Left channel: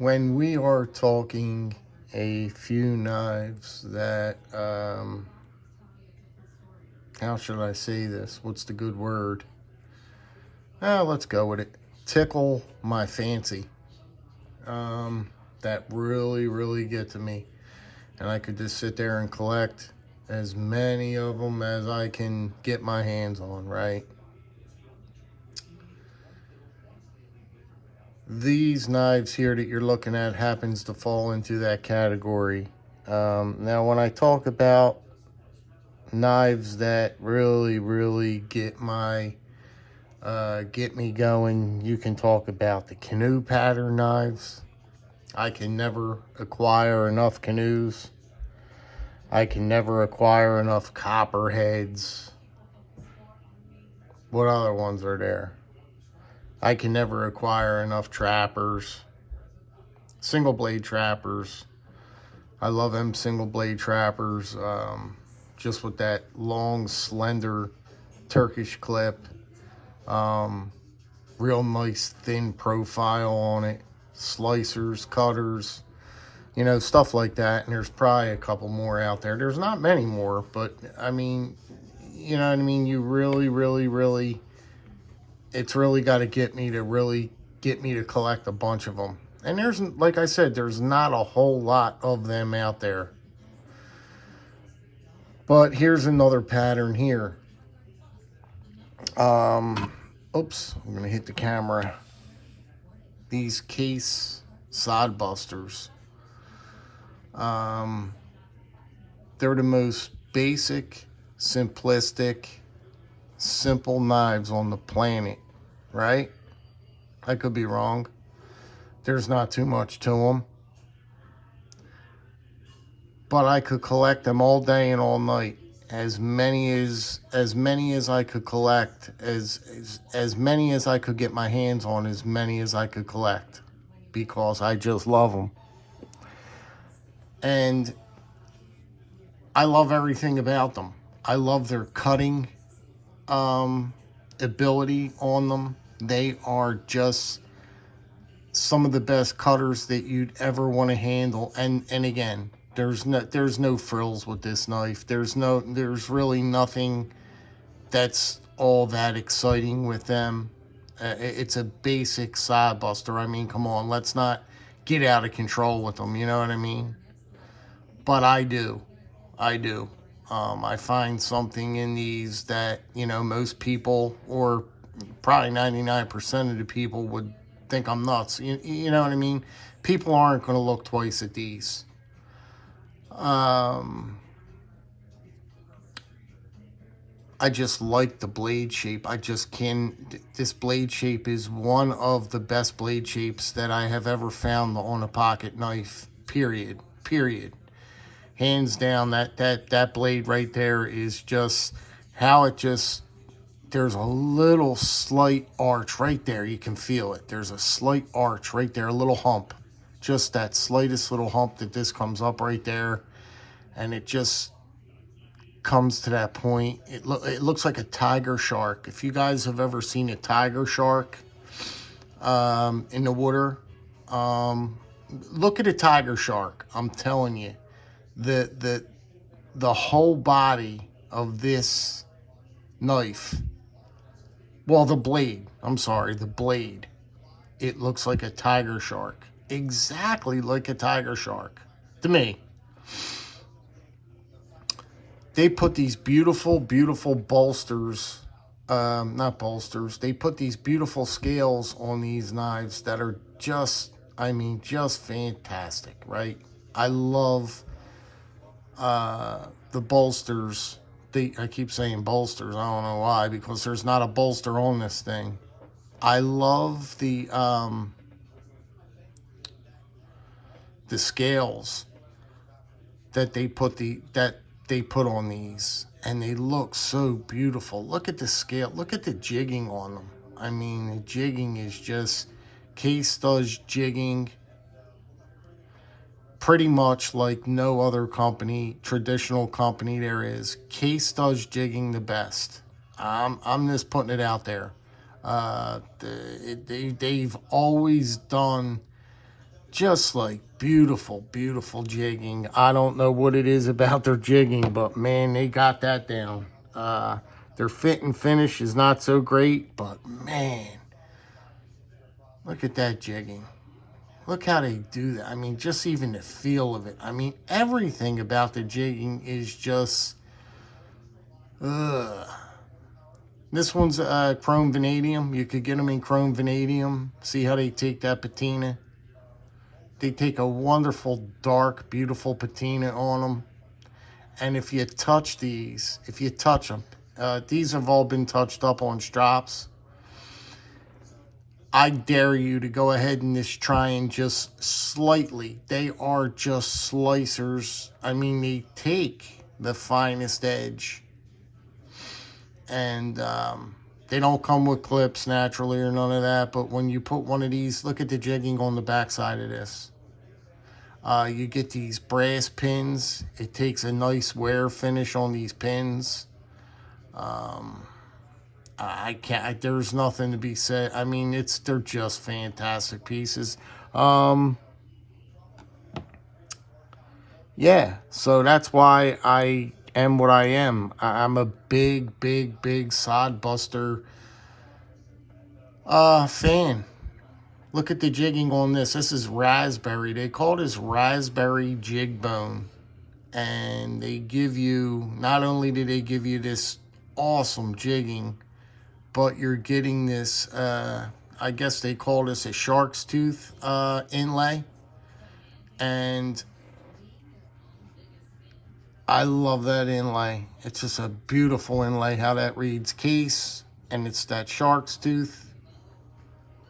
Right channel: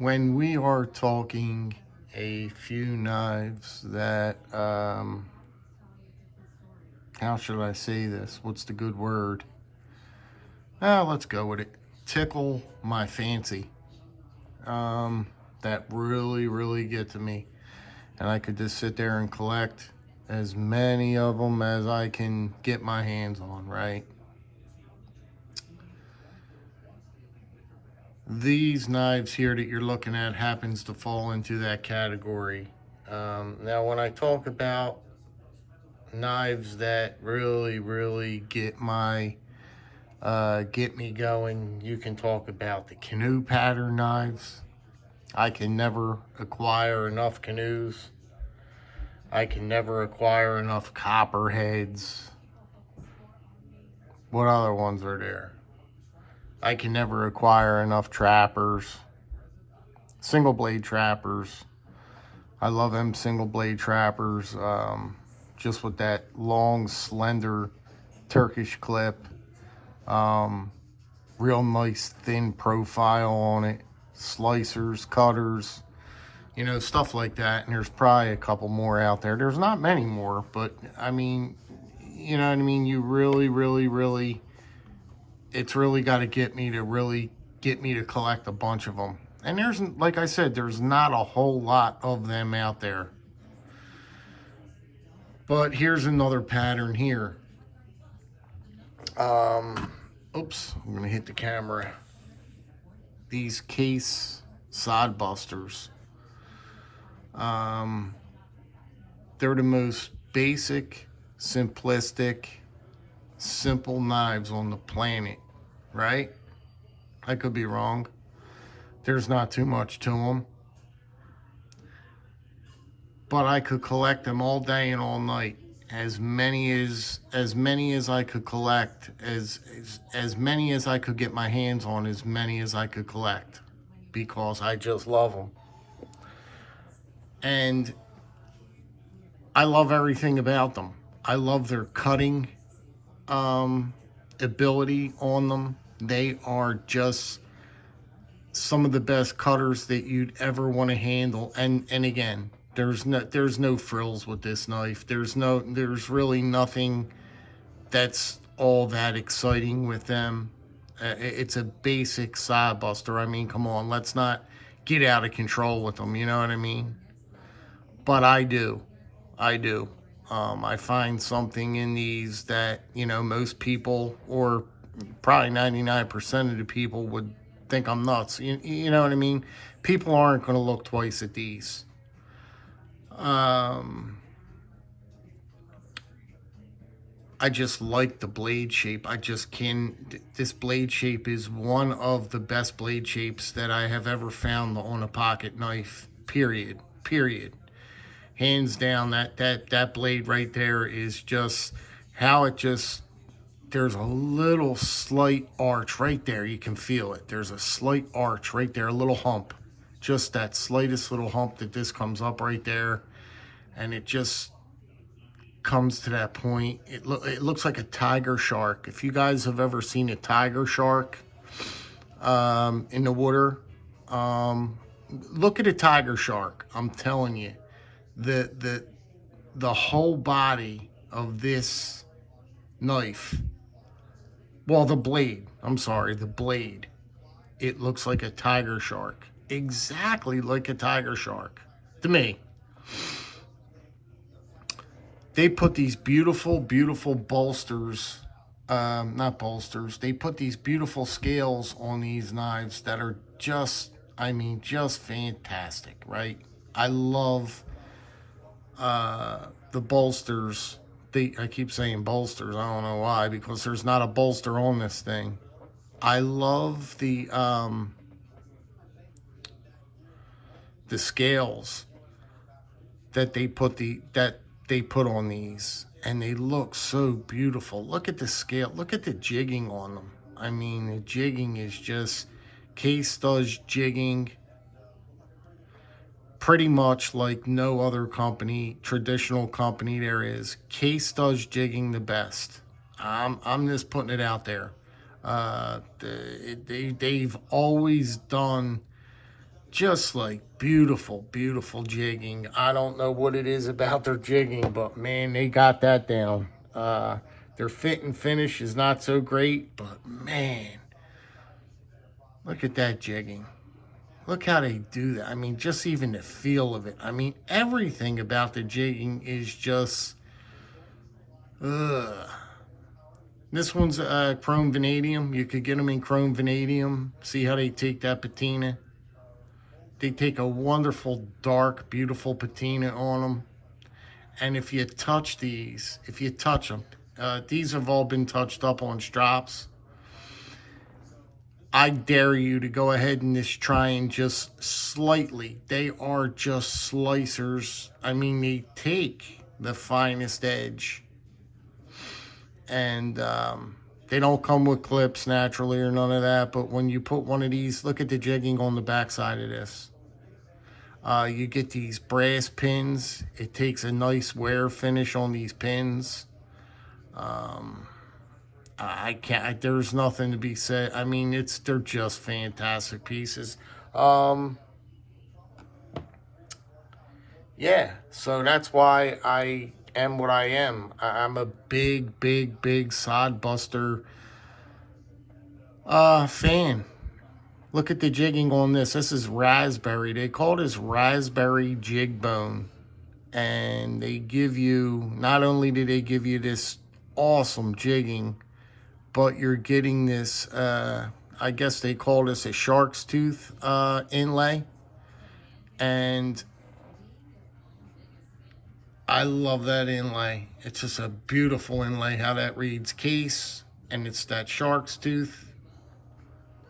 When we are talking a few knives that, how should I say this? What's the good word? Let's go with it. Tickle my fancy. That really get to me. And I could just sit there and collect as many of them as I can get my hands on, right? These knives here that you're looking at happens to fall into that category. Now, when I talk about knives that really get my get me going, you can talk about the canoe pattern knives. I can never acquire enough canoes. I can never acquire enough copperheads. What other ones are there? I can never acquire enough trappers. Single blade trappers. I love them single blade trappers. Just with that long, slender Turkish clip. Real nice thin profile on it. Slicers, cutters, you know, stuff like that. And there's probably a couple more out there. There's not many more, but I mean, you know what I mean? You really, it's really got to get me to collect a bunch of them. And there's, like I said, there's not a whole lot of them out there. But here's another pattern here. Oops, I'm going to hit the camera. These case Sodbusters. They're the most basic, simplistic, simple knives on the planet, right? I could be wrong. There's not too much to them. But I could collect them all day and all night. As many as I could collect, as many as I could get my hands on, as many as I could collect, because I just love them. And I love everything about them. I love their cutting ability on them. They are just some of the best cutters that you'd ever want to handle. And again, there's no frills with this knife. There's really nothing that's all that exciting with them. It's a basic Sodbuster. I mean, come on, let's not get out of control with them, you know what I mean? But I do. I find something in these that, you know, most people, or probably 99% of the people, would think I'm nuts. You know what I mean? People aren't going to look twice at these. I just like the blade shape. This blade shape is one of the best blade shapes that I have ever found on a pocket knife, period. Hands down, that blade right there is just how it just, there's a little slight arch right there. You can feel it. There's a slight arch right there, a little hump. Just that slightest little hump that this comes up right there. And it just comes to that point. It looks like a tiger shark. If you guys have ever seen a tiger shark in the water, look at a tiger shark. I'm telling you, the whole body of this knife, well, the blade, it looks like a tiger shark. Exactly like a tiger shark to me. They put these beautiful bolsters, not bolsters, they put these beautiful scales on these knives that are just, I mean, just fantastic, right? I love the bolsters. I keep saying bolsters, I don't know why, because there's not a bolster on this thing. I love the scales that they put on these, and they look so beautiful. Look at the scale. Look at the jigging on them. I mean, the jigging is just, Case does jigging pretty much like no other company, traditional company there is. Case does jigging the best. I'm just putting it out there. They've always done Just like beautiful, beautiful jigging. I don't know what it is about their jigging, but man, they got that down. Their fit and finish is not so great, but man, look at that jigging. Look how they do that. I mean, just even the feel of it. I mean, everything about the jigging is just, ugh. This one's chrome vanadium. You could get them in chrome vanadium. See how they take that patina? They take a wonderful, dark, beautiful patina on them. And if you touch these, if you touch them, these have all been touched up on strops. I dare you to go ahead and just try and just slightly. They are just slicers. I mean, they take the finest edge. And they don't come with clips naturally or none of that. But when you put one of these, look at the jigging on the back side of this. You get these brass pins. It takes a nice wear finish on these pins. I can't, there's nothing to be said. I mean, they're just fantastic pieces. Yeah, so that's why I am what I am. I'm a big, big, big Sodbuster fan. Look at the jigging on this. This is raspberry. They call this raspberry jig bone. And they give you, not only do they give you this awesome jigging, but you're getting this, I guess they call this a shark's tooth inlay. And I love that inlay. It's just a beautiful inlay, how that reads case, and it's that shark's tooth.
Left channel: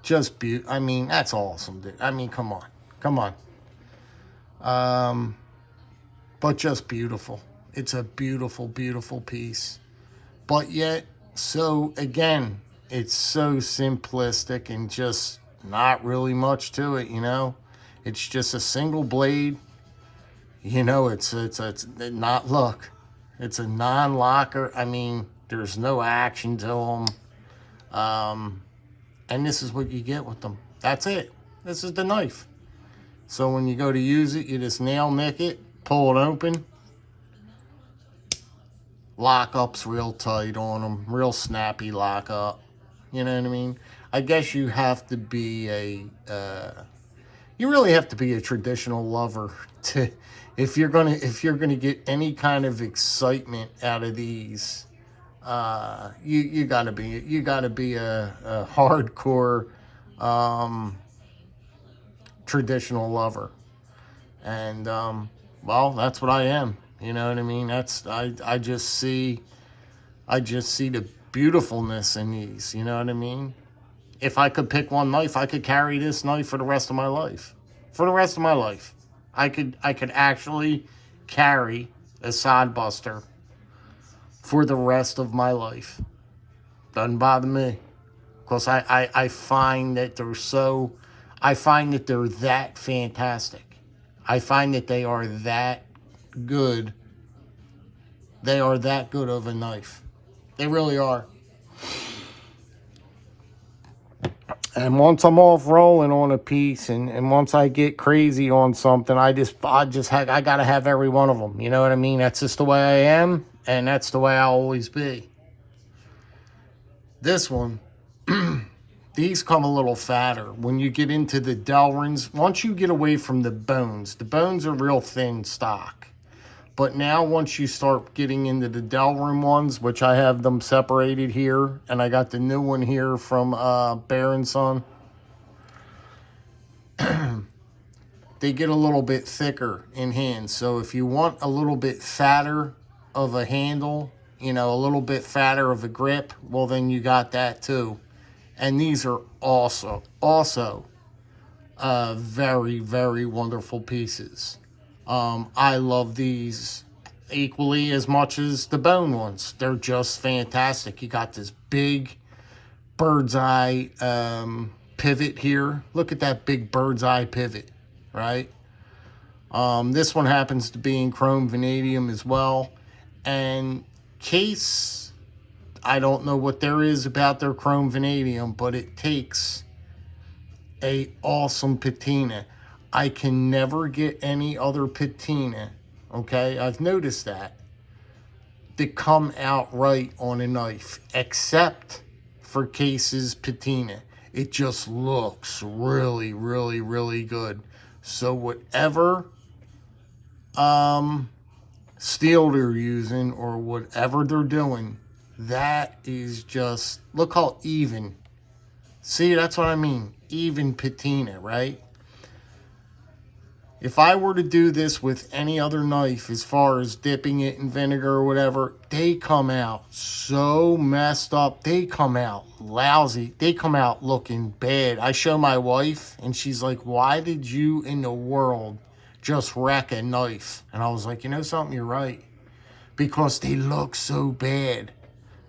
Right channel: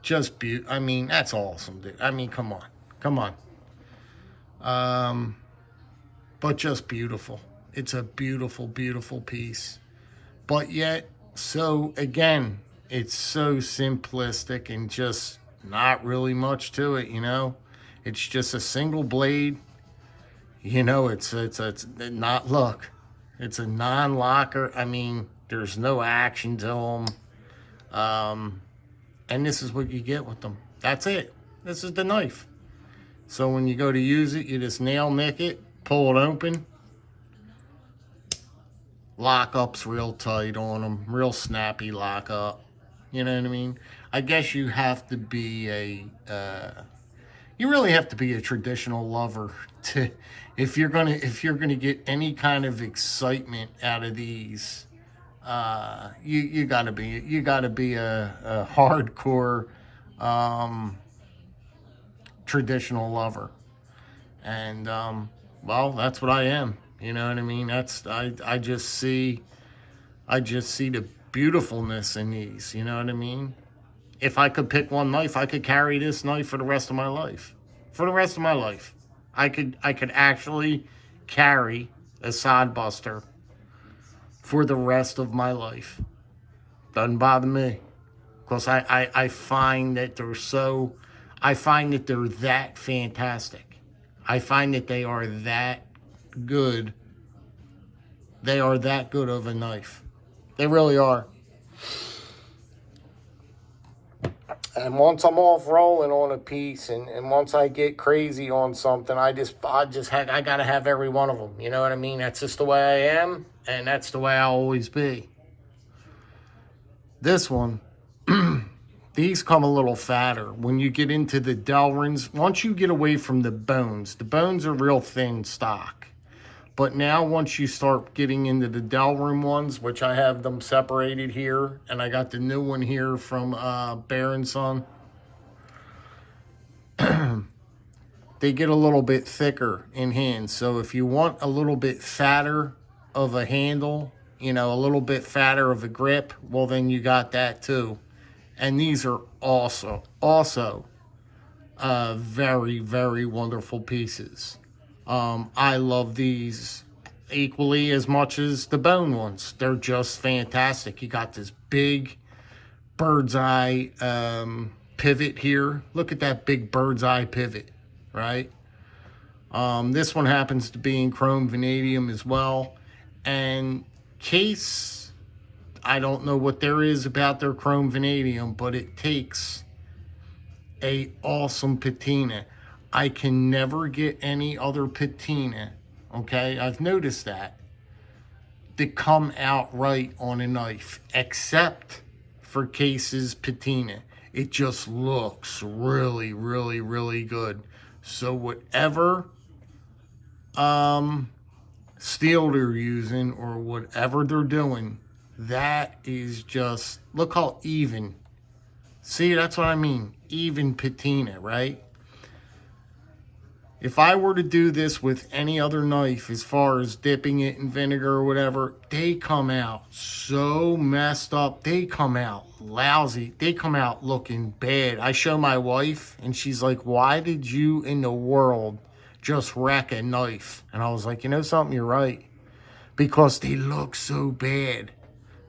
Just I mean, that's awesome, dude. I mean, come on. Come on. But just beautiful. It's a beautiful, beautiful piece. But yet, so again, it's so simplistic and just not really much to it, you know? It's just a single blade. You know, it's not, look, it's a non-locker. I mean, there's no action to them. And this is what you get with them. That's it. This is the knife. So when you go to use it, you just nail nick it, pull it open. Lock-up's real tight on them, real snappy lock-up. You know what I mean? I guess you have to be you really have to be a traditional lover to, if you're gonna get any kind of excitement out of these. You gotta be a hardcore traditional lover, and well, that's what I am. You know what I mean? I just see the beautifuln't in these. You know what I mean? If I could pick one knife, I could carry this knife for the rest of my life. For the rest of my life, I could actually carry a Sodbuster for the rest of my life. Doesn't bother me, because I find that they're that fantastic. I find that they are that good. They are that good of a knife. They really are. And once I'm off rolling on a piece, and once I get crazy on something, I gotta have every one of them. You know what I mean? That's just the way I am, and that's the way I'll always be. This one, these come a little fatter. When you get into the Delrins, once you get away from the bones are real thin stock. But now once you start getting into the Delrin ones, which I have them separated here, and I got the new one here from Bear & Son, they get a little bit thicker in hands. So if you want a little bit fatter of a handle, you know, a little bit fatter of a grip, well, then you got that too. And these are also very, very wonderful pieces. I love these equally as much as the bone ones. They're just fantastic. You got this big bird's eye pivot here. Look at that big bird's eye pivot, right? This one happens to be in chrome vanadium as well. And case, I don't know what there is about their chrome vanadium, but it takes a awesome patina. I can never get any other patina, okay? I've noticed that come out right on a knife, except for Case's patina. It just looks really, really, really good. So whatever steel they're using or whatever they're doing, that is just, look how even. See, that's what I mean, even patina, right? If I were to do this with any other knife, as far as dipping it in vinegar or whatever, they come out so messed up. They come out lousy. They come out looking bad. I show my wife, and she's like, why did you in the world just wreck a knife? And I was like, you know something, you're right. Because they look so bad.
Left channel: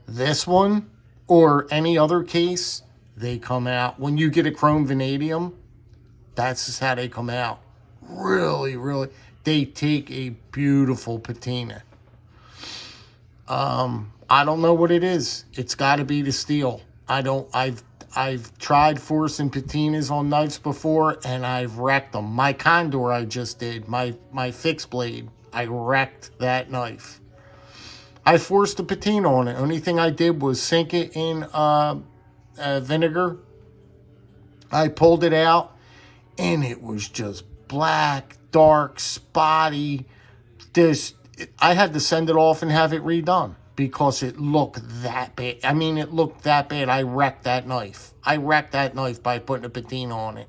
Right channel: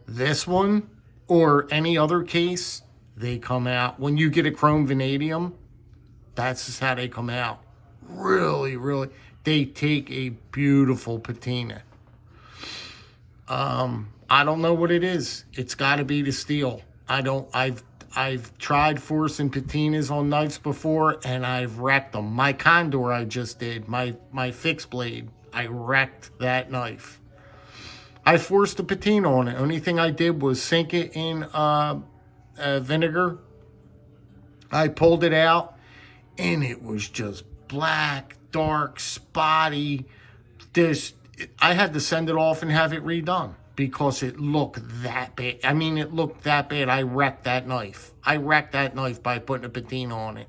This one, or any other case, they come out. When you get a chrome vanadium, that's just how they come out. Really, really, they take a beautiful patina. I don't know what it is. It's got to be the steel. I've tried forcing patinas on knives before, and I've wrecked them. My Condor I just did, my fixed blade, I wrecked that knife. I forced a patina on it. Only thing I did was sink it in vinegar. I pulled it out, and it was just black, dark, spotty. I had to send it off and have it redone because it looked that bad. I mean, it looked that bad. I wrecked that knife. I wrecked that knife by putting a patina on it.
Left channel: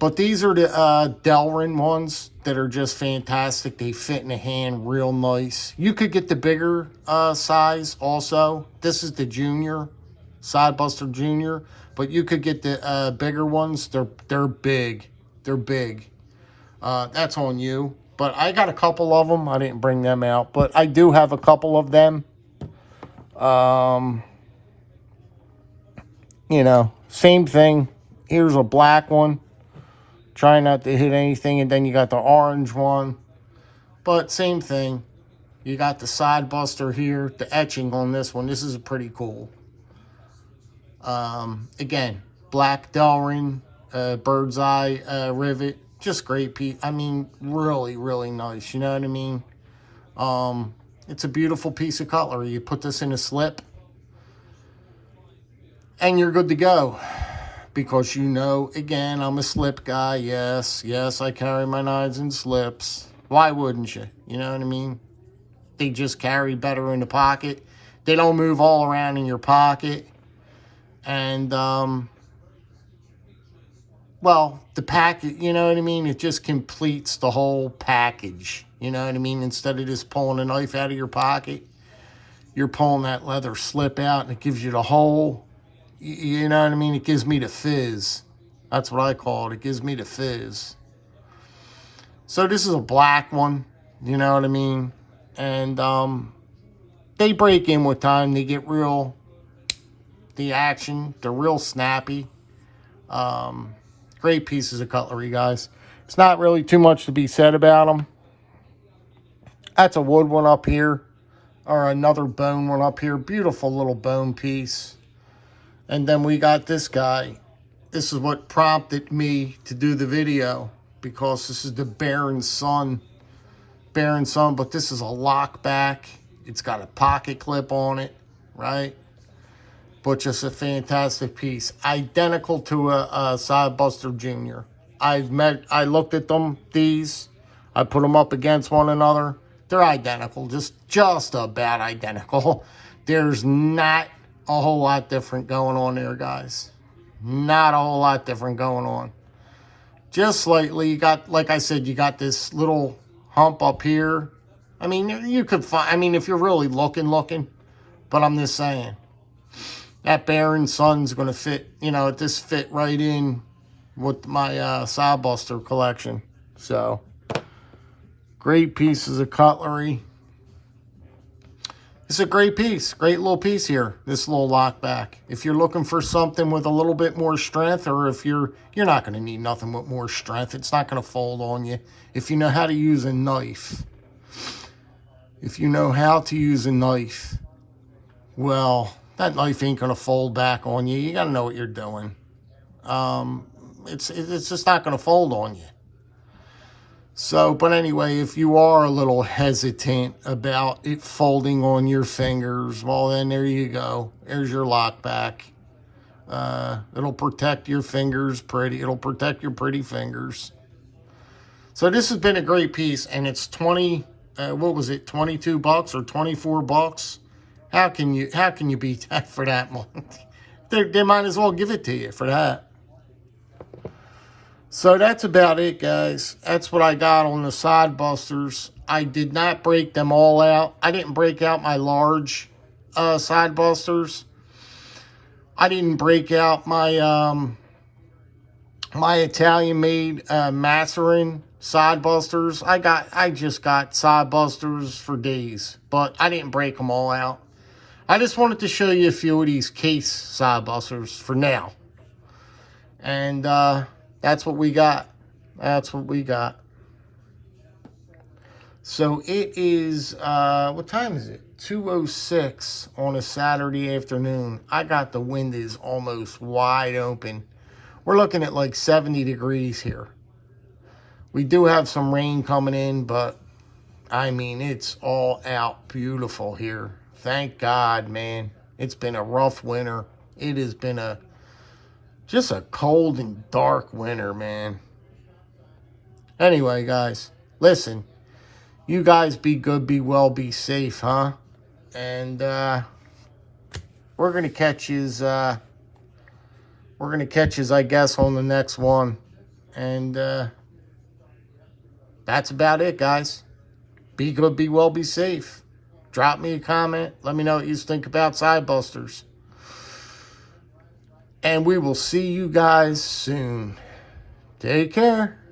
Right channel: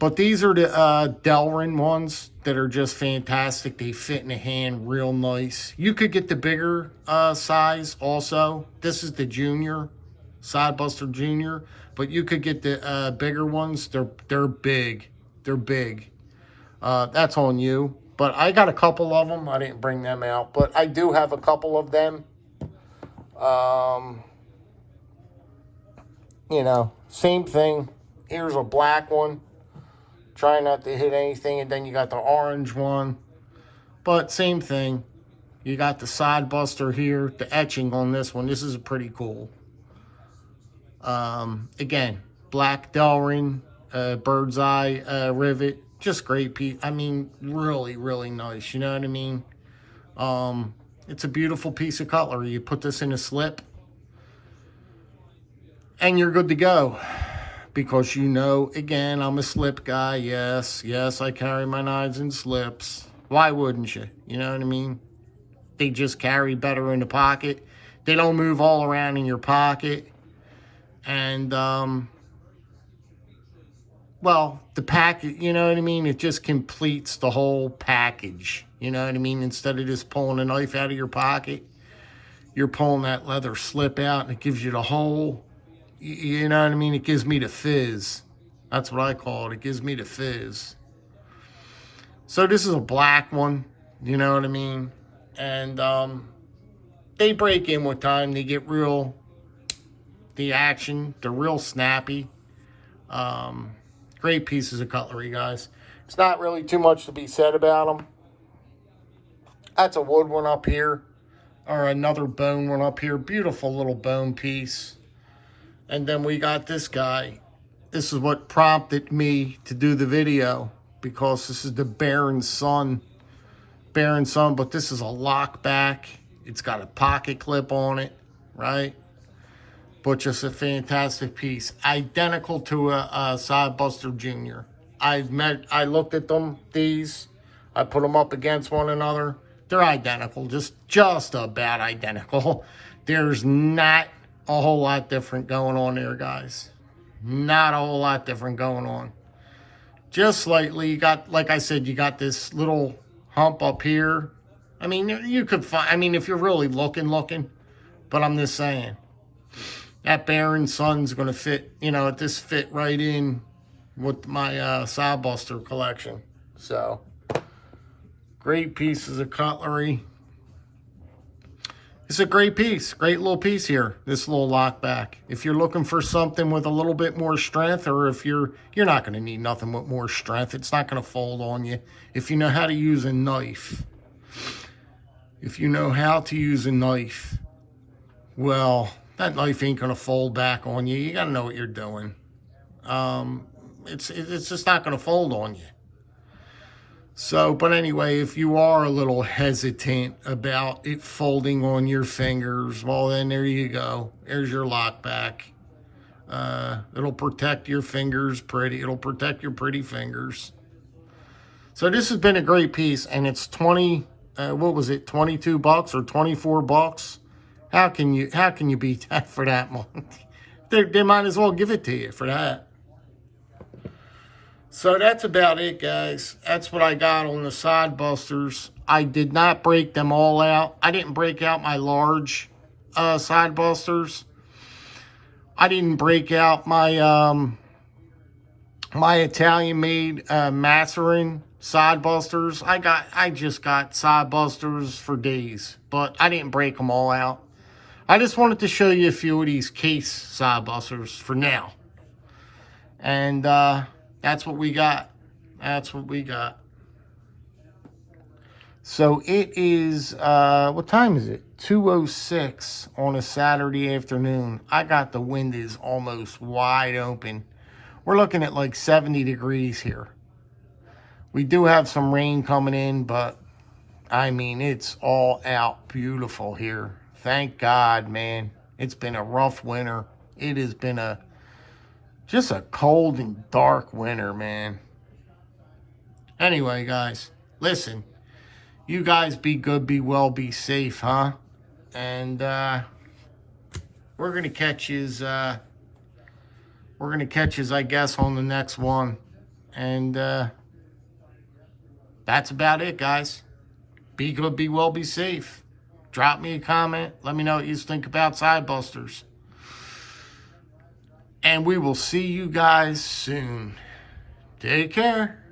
But these are the Delrin ones that are just fantastic. They fit in the hand real nice. You could get the bigger size also. This is the junior, Sodbuster Junior. But you could get the bigger ones. They're big. They're big. That's on you. But I got a couple of them. I didn't bring them out. But I do have a couple of them. You know, same thing. Here's a black one. Try not to hit anything. And then you got the orange one. But same thing. You got the Sodbuster here. The etching on this one. This is pretty cool. Again, black Delrin, bird's eye rivet, just great piece. I mean, really, really nice. You know what I mean? It's a beautiful piece of cutlery. You put this in a slip, and you're good to go. Because you know, again, I'm a slip guy. Yes, I carry my knives in slips. Why wouldn't you? You know what I mean? They just carry better in the pocket. They don't move all around in your pocket. And, well, the package, you know what I mean? It just completes the whole package. You know what I mean? Instead of just pulling a knife out of your pocket, you're pulling that leather slip out, and it gives you the whole, you know what I mean? It gives me the fizz. That's what I call it. It gives me the fizz. So this is a black one. You know what I mean? And they break in with time. They get real... the action, they're real snappy. Great pieces of cutlery, guys. It's not really too much to be said about them. That's a wood one up here, or another bone one up here. Beautiful little bone piece. And then we got this guy. This is what prompted me to do the video, because this is the Baron Sun. But this is a Lockback. It's got a pocket clip on it, right? But just a fantastic piece. Identical to a Sodbuster Junior. I looked at them, these. I put them up against one another. They're identical, just about identical. There's not a whole lot different going on there, guys. Not a whole lot different going on. Just slightly, you got, like I said, you got this little hump up here. I mean, you could find, I mean, if you're really looking, but I'm just saying. That Baron Sun's going to fit, you know, this fit right in with my Sodbuster collection. So, great pieces of cutlery. It's a great piece. Great little piece here, this little Lockback. If you're looking for something with a little bit more strength, or if you're not going to need nothing with more strength. It's not going to fold on you. If you know how to use a knife. If you know how to use a knife, well... that knife ain't going to fold back on you. You got to know what you're doing. it's just not going to fold on you. So, but anyway, if you are a little hesitant about it folding on your fingers, well, then there you go. There's your Lockback. It'll protect your fingers pretty. It'll protect your pretty fingers. So this has been a great piece, and it's 20, what was it, 22 bucks or 24 bucks? How can you beat that for that much? They might as well give it to you for that. So that's about it, guys. That's what I got on the Sodbusters. I did not break them all out. I didn't break out my large Sodbusters. I didn't break out my my Italian-made Masserin Sodbusters. I just got Sodbusters for days, but I didn't break them all out. I just wanted to show you a few of these case Sodbusters for now. And that's what we got. That's what we got. So it is, what time is it? 2:06 on a Saturday afternoon. I got the windows almost wide open. We're looking at like 70 degrees here. We do have some rain coming in, but I mean, it's all out beautiful here. Thank God, man. It's been a rough winter. It has been just a cold and dark winter, man. Anyway, guys, listen. You guys be good, be well, be safe, huh? And we're gonna catch his I guess, on the next one. And that's about it, guys. Be good, be well, be safe. Drop me a comment. Let me know what you think about Sodbusters. And we will see you guys soon. Take care.